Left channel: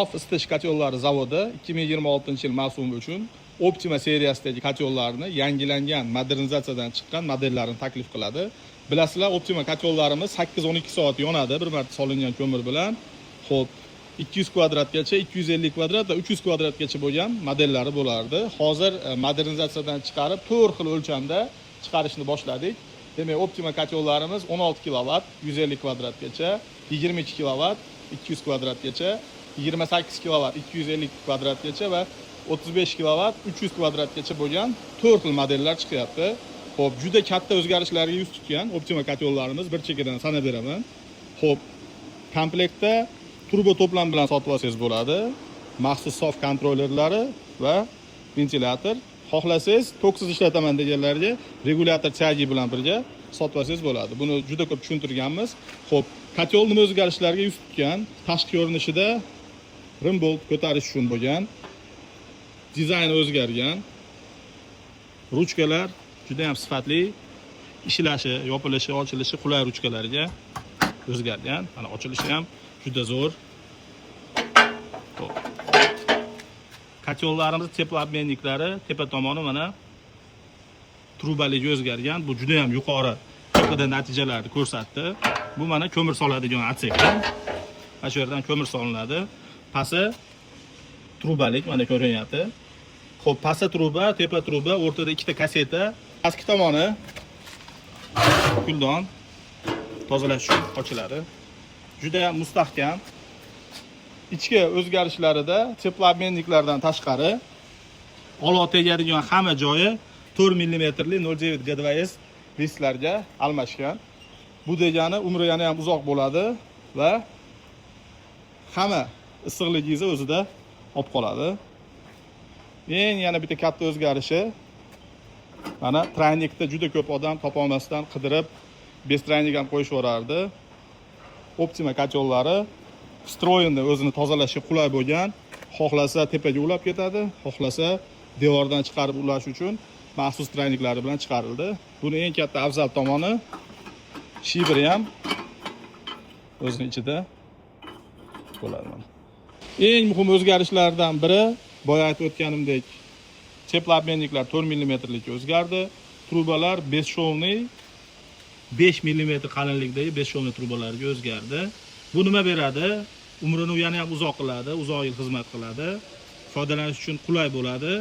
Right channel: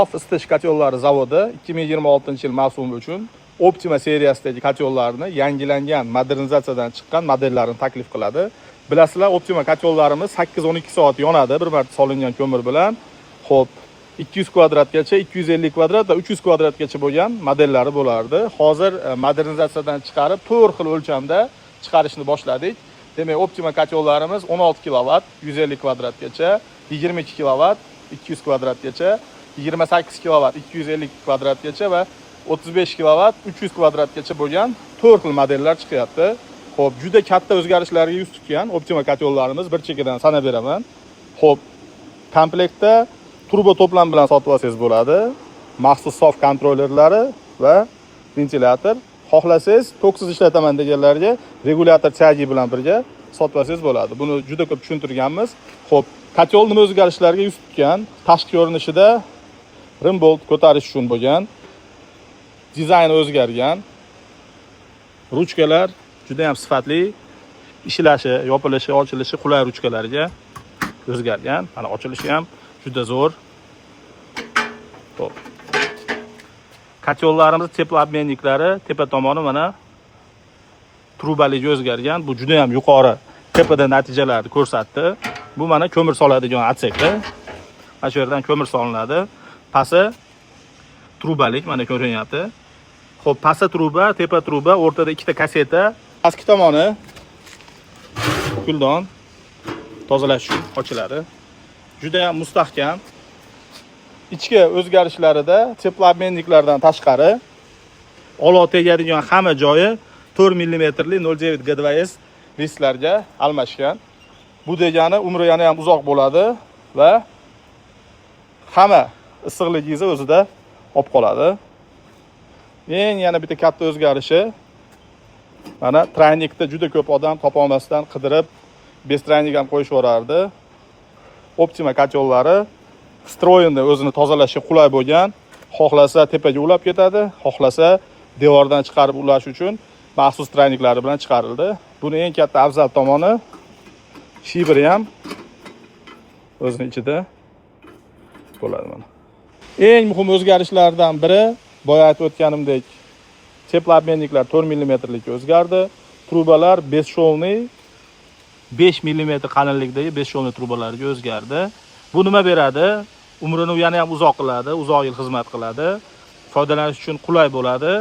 Sof isitish kotyollari zavodi 2026-yil mavsumi uchun Optima seriyasidagi kotyollarni yangilangan modernizatsiyadan chiqqan modellarini taklif qiladi. Bilasizlar, Optima kotyollarimiz 8-12 soat yonadi bir marta solingan ko'mir bilan. Xo'p, 200 kvadratgacha, 250 kvadrat va 300 kvadratgacha bo'lgan modellari bo'lardi. Hozir modernizatsiyadan chiqarib 4 xil o'lchamda chiqarishni boshladik. Demak, Optima kotyollarimiz 16 kilovat 150 kvadratgacha, 22 kilovat 200 kvadratgacha, 28 kilovat 250 kvadratgacha va 35 kilovat 300 kvadratgacha bo'lgan 4 xil modellar chiqyapti. Xo'p, juda katta o'zgarishlarga yuz tutgan Optima kotyollarimiz bir chekidan sanab beraman. Xo'p, komplektda turbo to'plam bilan sotib olsangiz bo'ladi. Maxsus sof kontrollerlari va ventilyator. Xohlasangiz toksiz ishlataman deganlarga regulyator chagi bilan birga sotib olsangiz bo'ladi. Buni juda ko'p tushuntirganmiz. Xo'p, kotyol nima o'zgarishlarga yuz tutgan? Tashqi ko'rinishida rim bolt ko'tarish uchun bo'lgan, dizayni o'zgargan, ruchkalar juda ham sifatli, ishlashi, yopilishi, ochilishi qulay ruchkalarga o'zgargan. Mana ochilishi ham juda zo'r. Xo'p. Kotyollarimiz teploobmenniklari tepa tomoni mana trubaliga o'zgargan. Bu juda ham yuqori tepada natijalarni ko'rsatdi. Bu mana ko'mir soladigan otsekda. Mana shu yerdan ko'mir solinadi. Pasi trubalik mana ko'rinyapti. Xo'p, pasta truba, tepa truba, o'rtada ikkita kaseta. Pastki tomoni kuldon tozalash uchun ochiladi. Juda ham mustahkam. Ichki o'zgarishlarida teploobmenniklardan tashqari olov tegadigan hamma joyi 4 mm li 0.9 G2S disklarga almashgan. Bu degani umri yana ham uzoq bo'ladi va hamma issiqligingizni o'zida olib qoladi. Yana bitta katta o'zgarishi, mana traynikda juda ko'p odam topa olmasdan qidirib bez traynik ham qo'yishib yuborardi. Optima kotyollari stroyinda o'zini tozalashga qulay bo'lgan. Xohlasa tepaga ulab ketadi, xohlasa devordan chiqarib ulash uchun maxsus trayniklari bilan chiqarildi. Buni eng katta afzal tomoni shibri ham o'zining ichida bo'ladi. Eng muhim o'zgarishlardan biri, boya aytib o'tganimdek, teploobmenniklar 4 mm lik o'zgardi. Trubalar beshshovniy 5 mm qalinlikdagi beshshovniy trubalarga o'zgardi. Bu nima beradi? Umrini yana ham uzoq qiladi, uzoq yil xizmat qiladi. Foydalanish uchun qulay bo'ladi.